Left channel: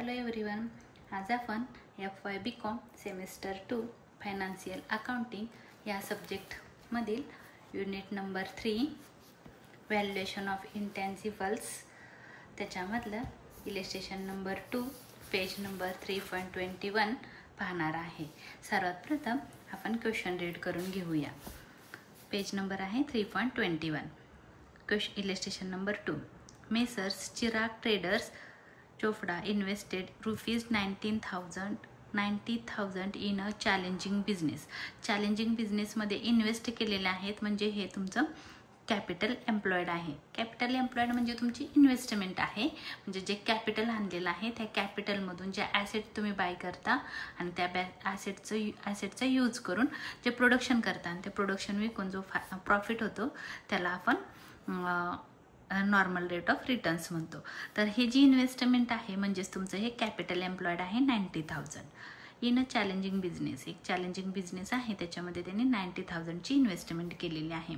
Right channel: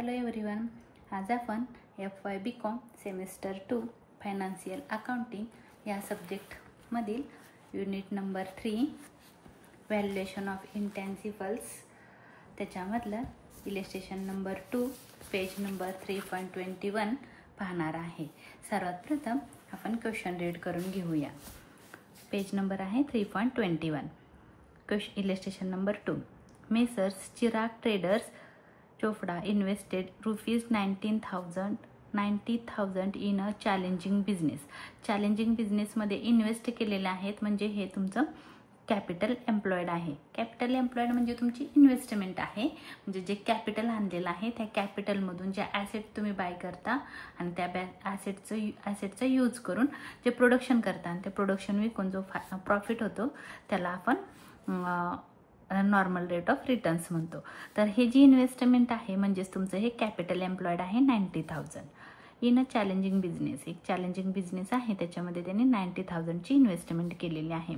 Hello everyone, आज आपण FY BCom semester 2 financial accounting या सब्जेक्टमधील युनिट नंबर 3 व्हॅल्युएशन ऑफ इंटॅन्जिबल्स त्याच्यामधलं इलिस्ट्रेशन नंबर 2 पेज नंबर 3.21 पाहणार आहे. सर्वात प्रथम आपण क्वेश्चन रीड करून घेऊया. पेज नंबर आहे 3.21. Illustration number 2. Messrs Chirag traders Chopra invested ₹90,000 in a challenging business. Challenging बिझनेसमध्ये इन्व्हेस्ट केलेले आहेत, म्हणजे हे तुमचं कॅपिटल एम्प्लॉयड आहे. कॅपिटल एम्प्लॉयड म्हणजे तुमची इन्व्हेस्टमेंट आहे, म्हणजे जे कॅपिटल आणलेलं आहे त्या कॅपिटलमधून जे ॲसेट तुम्ही बाय करता आणि त्या ॲसेटचा यूज करून जे प्रोडक्शन करता आणि ते प्रोडक्शन विकून जो प्रॉफिट होतो त्याला आपण नॉर्मल रेट ऑफ रिटर्न्स म्हणतो. तर हे जी इन्व्हेस्टमेंट आहे म्हणजेच तुमचं हे कॅपिटल एम्प्लॉयड आहे 90,000 इन अ चॅलेंजिंग बिझनेस. एक चॅलेंजिंग बिझनेस आहे, त्याच्यामध्ये त्यांनी 90,000ची इन्व्हेस्टमेंट केलेली आहे.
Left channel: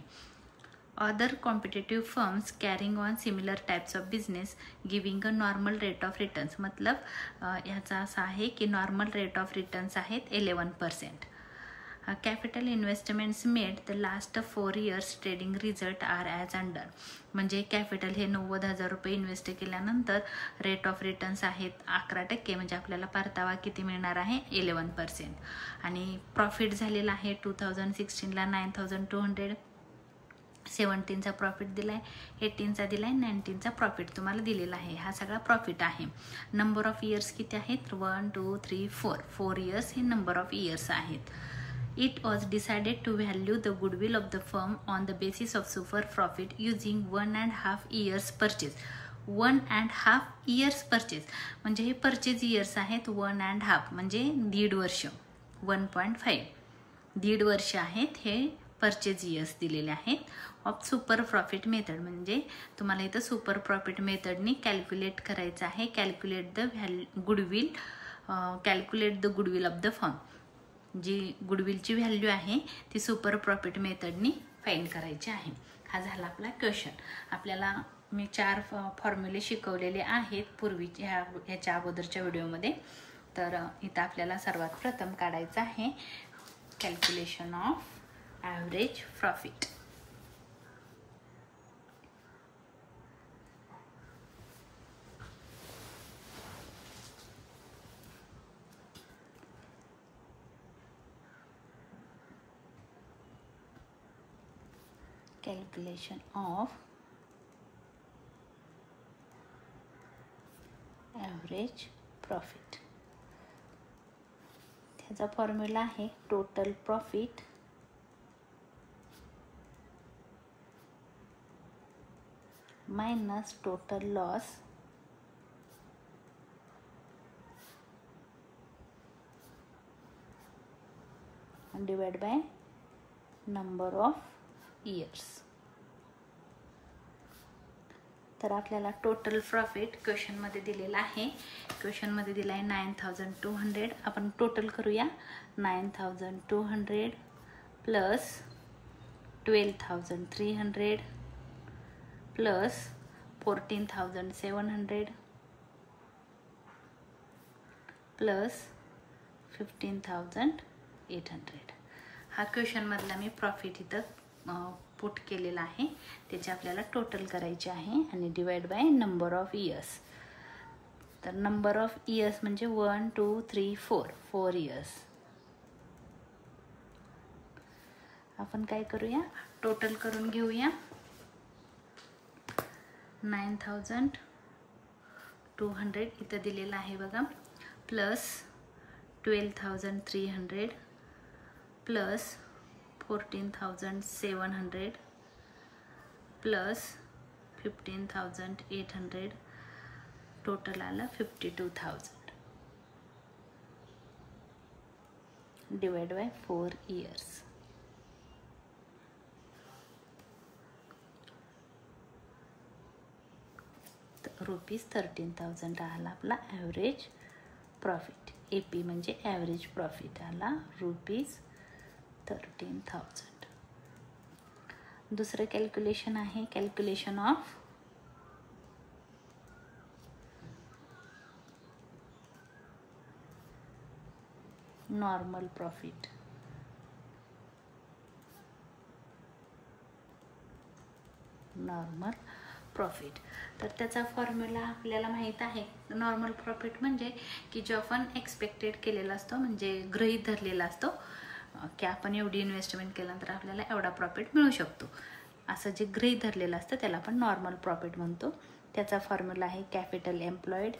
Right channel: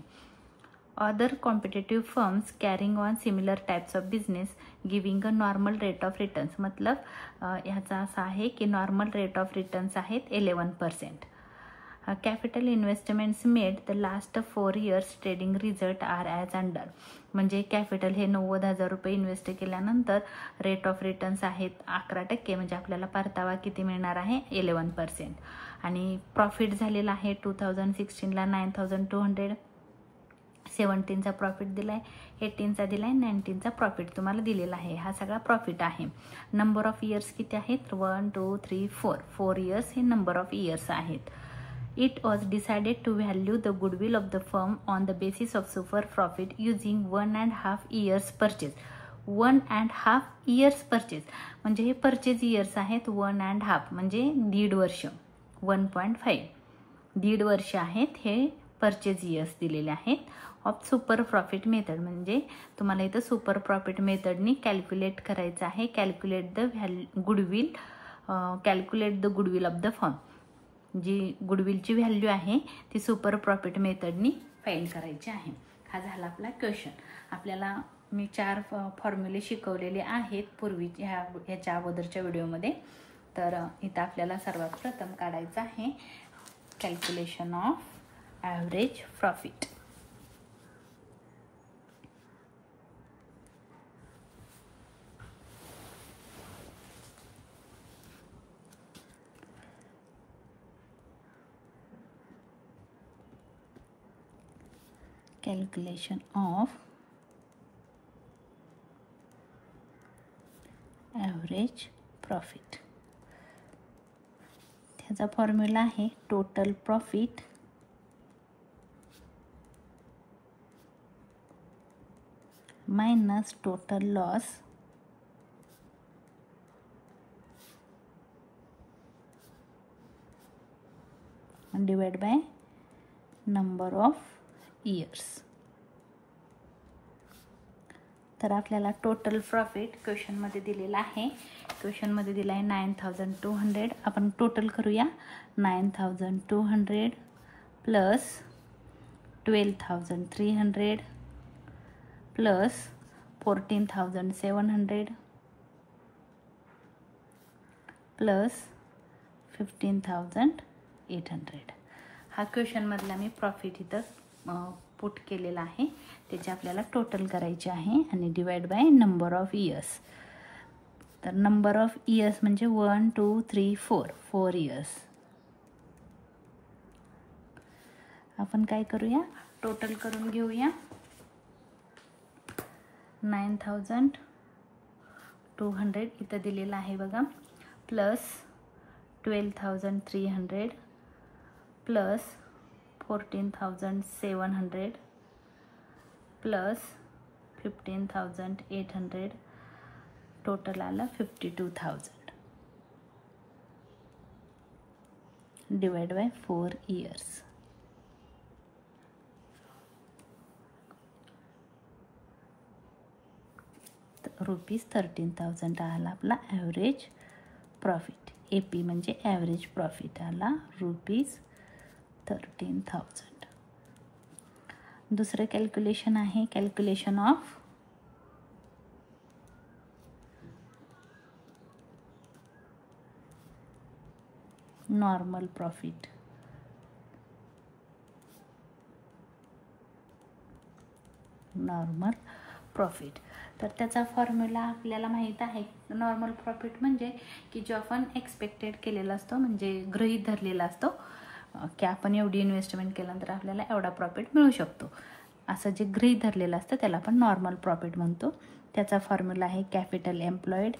Other competitive firms carrying on similar types of business giving a normal rate of returns. मतलब ह्याचा असा आहे की नॉर्मल रेट ऑफ रिटर्न्स आहेत 11%. Capital investments made the last 4 years trading result are as under. म्हणजे capital हे 90,000 रुपये invest केल्यानंतर रेट ऑफ रिटर्न्स आहेत 11%, म्हणजे आपल्याला परतावा किती मिळणार आहे 11%. आणि प्रॉफिट झालेला आहे 2016ला 9,200, 17चा प्रॉफिट दिला आहे, 18चा दिला आहे, 19चा प्रॉफिट तुम्हाला दिलेला आहे. हा सगळा प्रॉफिट आहे. नंबर ऑफ इयर्स किती आहेत 1 2 3 4 इयर्स हे नंबर ऑफ इयर्स आहेत. It was decided to value the goodwill of the firm on the basis of super profit using 1.5 years purchase. 1.5 years purchase म्हणजे हे परचेज इयर्स आहेत 1.5 म्हणजे 1.5 वर्ष. 1.5 1.5 वर्ष आहेत हे परचेज इयर्स दिलेले आहेत. ऑफ सुपर प्रॉफिट मेथड म्हणजे तुम्हाला इथं सुपर प्रॉफिट मेथडनी कॅल्क्युलेट करायचं आहे. Calculate the goodwill of the firm. जी गुडविलची व्हॅल्यू आहे ती सुपर प्रॉफिट मेथडनी फाइंड करायची आहे. हा झाला आपला क्वेश्चन. आपल्याला मी 4 फॉर्म्युले शिकवलेले आहेत पूर्वीच्या ह्याच्या अगोदरच्या व्हिडिओमध्ये. तर इथं आपल्याला सर्वात प्रथम काढायचं आहे calculation of average profit. Calculation of average profit. त्याचा फॉर्म्युला आहे total profit minus total loss divide by number of years. तर आपल्याला टोटल प्रॉफिट क्वेश्चनमध्ये दिलेला आहे. क्वेश्चनमध्ये दिला आहे 9,200. आपण टोटल करूया. 9,200 प्लस 12,300 प्लस 14,700 प्लस 15,800. हा क्वेश्चनमधला मी प्रॉफिट इथं पुट केलेला आहे. त्याचे आपल्याला टोटल करायचे आहे आणि divide by number of years. तर नंबर ऑफ इयर्स म्हणजे 1 2 3 4 इयर्स. आपण काय करूया टोटल करून घेऊया. 9,200 इथं दिलेला आहे बघा, प्लस 12,300 प्लस 14,700 प्लस 15,800 टोटल आला 52,000 डिवाइड बाय 4 इयर्स. ₹13,000 आला आपला ॲव्हरेज प्रॉफिट. AP म्हणजे ॲव्हरेज प्रॉफिट आला ₹13,000. दुसरं कॅल्क्युलेशन आहे calculation of normal profit. Normal profit. तर त्याचा फॉर्म्युला आपल्याला माहीत आहे. नॉर्मल प्रॉफिट म्हणजे की जो आपण एक्सपेक्टेड केलेला असतो, म्हणजे गृहीत धरलेला असतो की आपण एवढी इन्व्हेस्टमेंट केल्यानंतर आपल्याला एवढा प्रॉफिट मिळू शकतो, असं जे गृहीत धरलेलं असतं त्याला आपण नॉर्मल प्रॉफिट म्हणतो. त्याचा फॉर्म्युला आहे कॅपिटल एम्प्लॉयड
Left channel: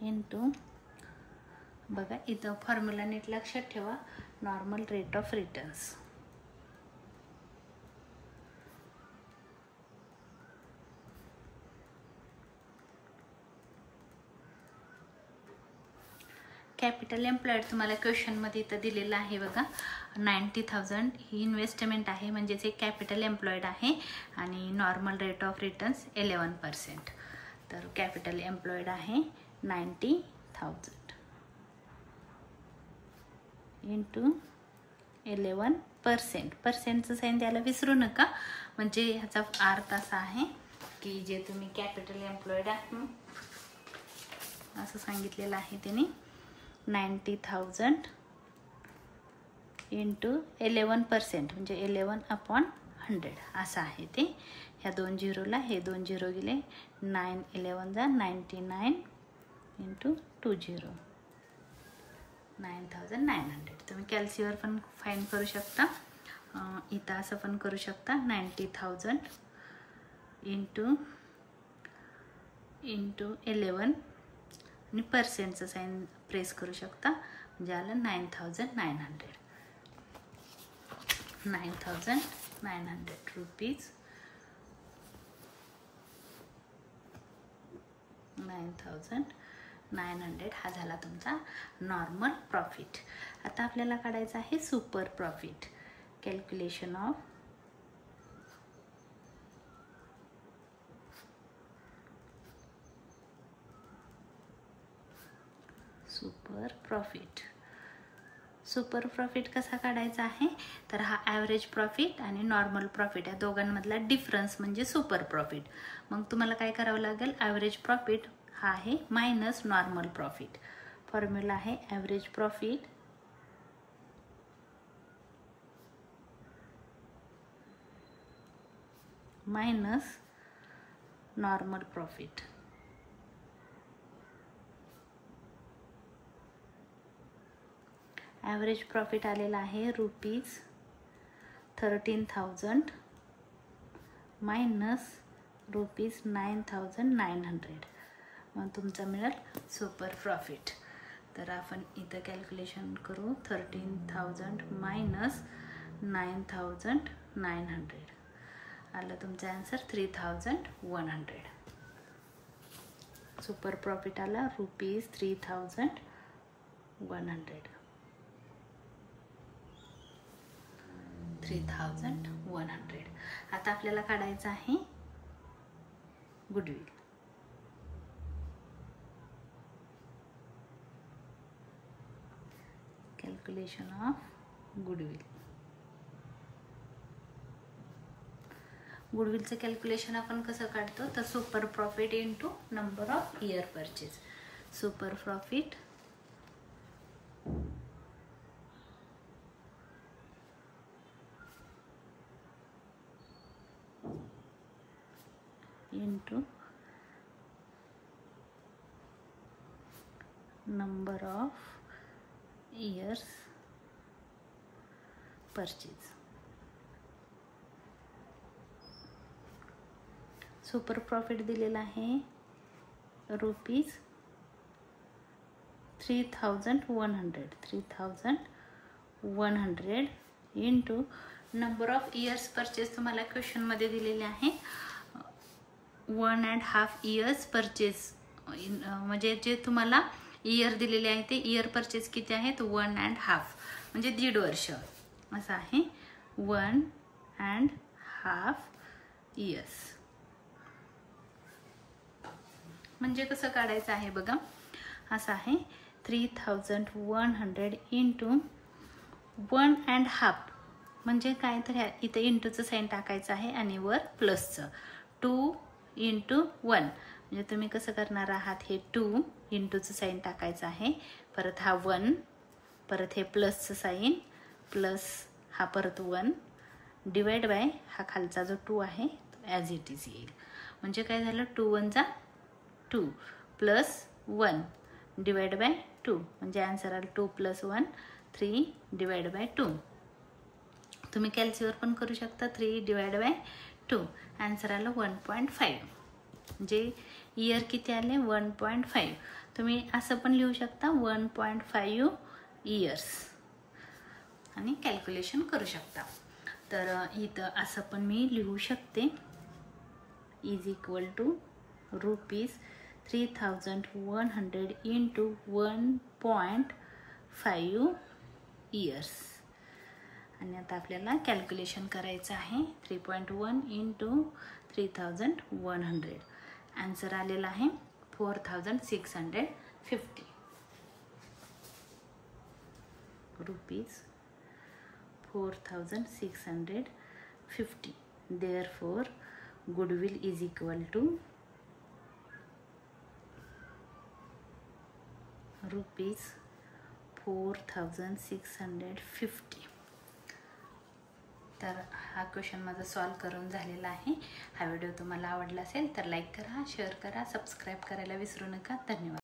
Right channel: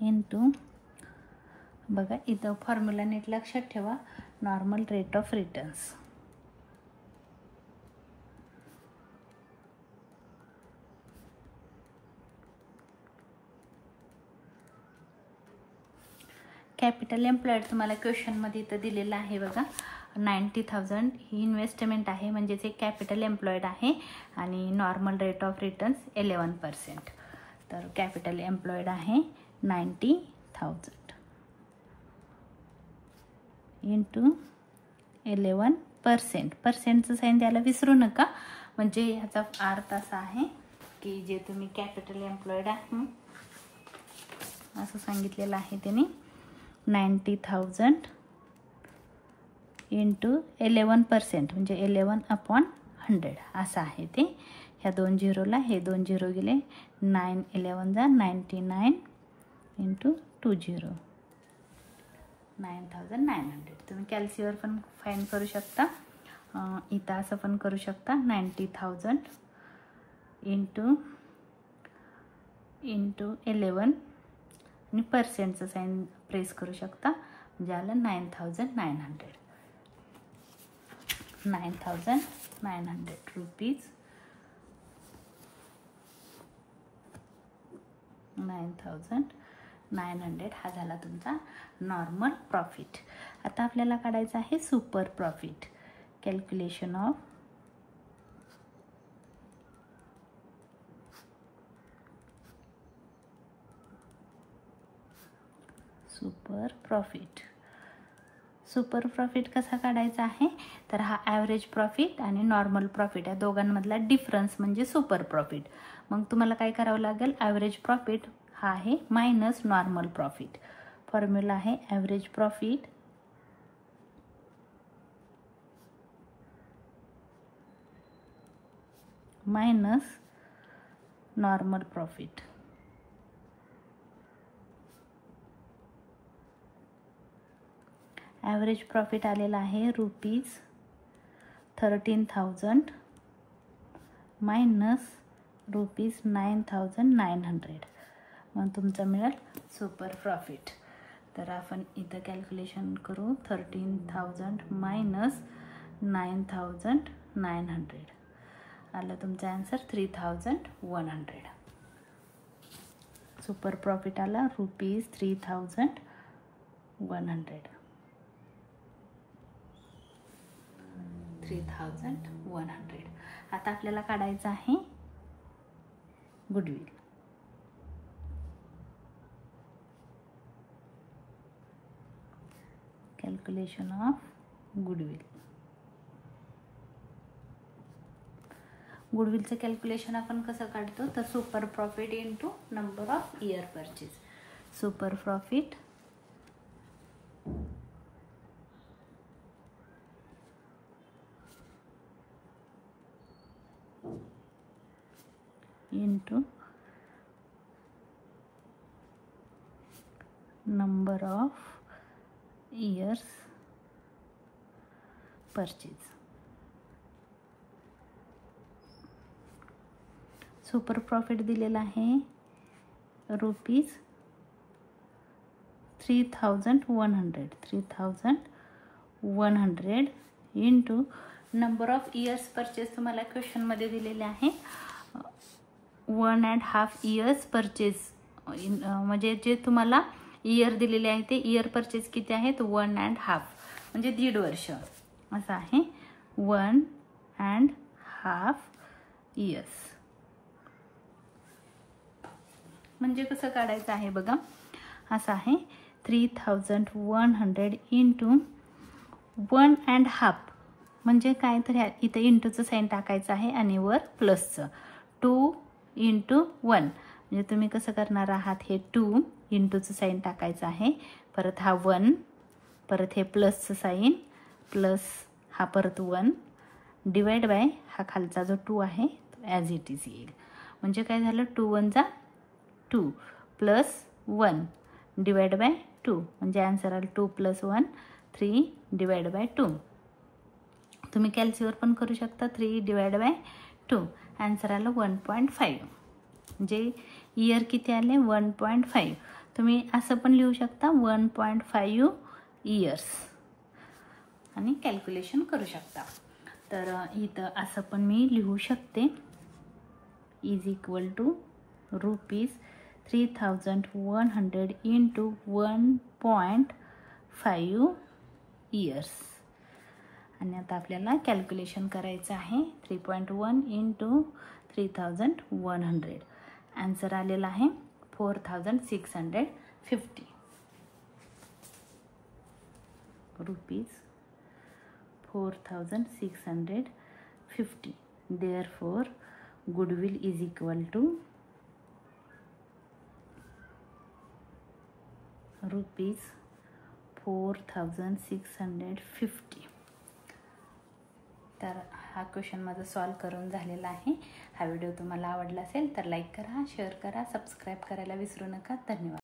इंटू, बघा इथं फॉर्म्युला नीट लक्षात ठेवा, normal rate of returns. Capital employed तुम्हाला क्वेश्चनमध्ये इथं दिलेलं आहे बघा. 90,000 ही इन्व्हेस्टमेंट आहे, म्हणजेच एक कॅपिटल एम्प्लॉयड आहे आणि नॉर्मल रेट ऑफ रिटर्न्स 11%. तर कॅपिटल एम्प्लॉयड आहे 90,000 इंटू 11%. पर्सेंटचं साईन द्यायला विसरू नका, म्हणजे ह्याचा अर्थ असा आहे की जे तुम्ही कॅपिटल एम्प्लॉयड आहे असं सांगितलेलं आहे त्यांनी, 90,000 इंटू 11% म्हणजे 11/100 असं आहे ते. ह्या 2 झिरोला हे 2 झिरो गेले, 9 11 जा 99 इंटू 2 झिरो 9,900. तुम्ही कॅल्सीवर पण फाईंड करू शकता, इथं असं पण करू शकता, 90,000 इंटू 11 आणि पर्सेंटचं साईन प्रेस करू शकता, म्हणजे आलं 9,900. 9,900 रुपीज, 9,900 हा झाला तुमचा नॉर्मल प्रॉफिट. आता आपल्याला काढायचं आहे super profit. Calculation of super profit. Super profit कसा काढायचा आहे, तर हा ॲव्हरेज प्रॉफिट आणि नॉर्मल प्रॉफिट या दोघांमधला डिफरन्स म्हणजे सुपर प्रॉफिट. मग तुम्हाला काय करावं लागेल, ॲव्हरेज प्रॉफिट हा आहे मायनस नॉर्मल प्रॉफिट. फॉर्म्युला आहे average profit minus normal profit. Average profit आलेला आहे ₹13,000 मायनस ₹9,900. मग तुमचं मिळेल सुपर प्रॉफिट. तर आपण इथं कॅल्क्युलेशन करू, 13,000 मायनस 9,900 आलं तुमचा आन्सर 3,100. सुपर प्रॉफिट आला ₹3,100. 3,100. आता आपल्याला काढायचं आहे गुडविल. Calculation of goodwill. गुडविलचं कॅल्क्युलेशन आपण कसं काढतो, तर super profit into number of year purchase. Super profit into number of years purchase. Super profit दिलेला आहे ₹3,100. 3,100 into number of years purchase तुम्हाला क्वेश्चनमध्ये दिलेले आहे 1.5 इयर्स परचेज. म्हणजे जे तुम्हाला इयर दिलेले आहे ते इयर परचेज किती आहेत, 1.5 म्हणजे 1.5 वर्ष असं आहे. 1.5 इयर्स म्हणजे कसं काढायचं आहे बघा, असं आहे 3,100 इंटू 1.5 म्हणजे काय, तर इथं इंटूचं साईन टाकायचं आहे आणि वर प्लसचं. 2 इंटू 1, म्हणजे तुम्ही कसं करणार आहात, हे 2 इंटूचं साईन टाकायचं आहे, परत हा 1, परत हे प्लसचं साईन, प्लस हा परत 1 डिवाइड बाय हा खालचा जो 2 आहे ॲज इट इज येईल. म्हणजे काय झालं, 2 1 जा 2 प्लस 1 डिवाइड बाय 2, म्हणजे आन्सर आला 2 + 1 3 डिवाइड बाय 2. तुम्ही कॅल्सीवर पण करू शकता, 3 डिवाइड बाय 2, आन्सर आलं 1.5. म्हणजे इयर किती आले, 1.5. तुम्ही असं पण लिहू शकता 1.5 इयर्स आणि कॅल्क्युलेशन करू शकता. तर इथं असं पण मी लिहू शकते, is equal to ₹3100 into 1.5 years. आणि आता आपल्याला कॅल्क्युलेशन करायचं आहे, 3.1 इंटू 3100, आन्सर आलेला आहे 4650 rupees, 4650. Therefore, goodwill is equal to ₹4650. तर हा क्वेश्चन माझा सॉल्व करून झालेला आहे. हा व्हिडिओ तुम्हाला आवडला असेल तर लाईक करा, शेअर करा, सबस्क्राईब करायला विसरू नका. धन्यवाद.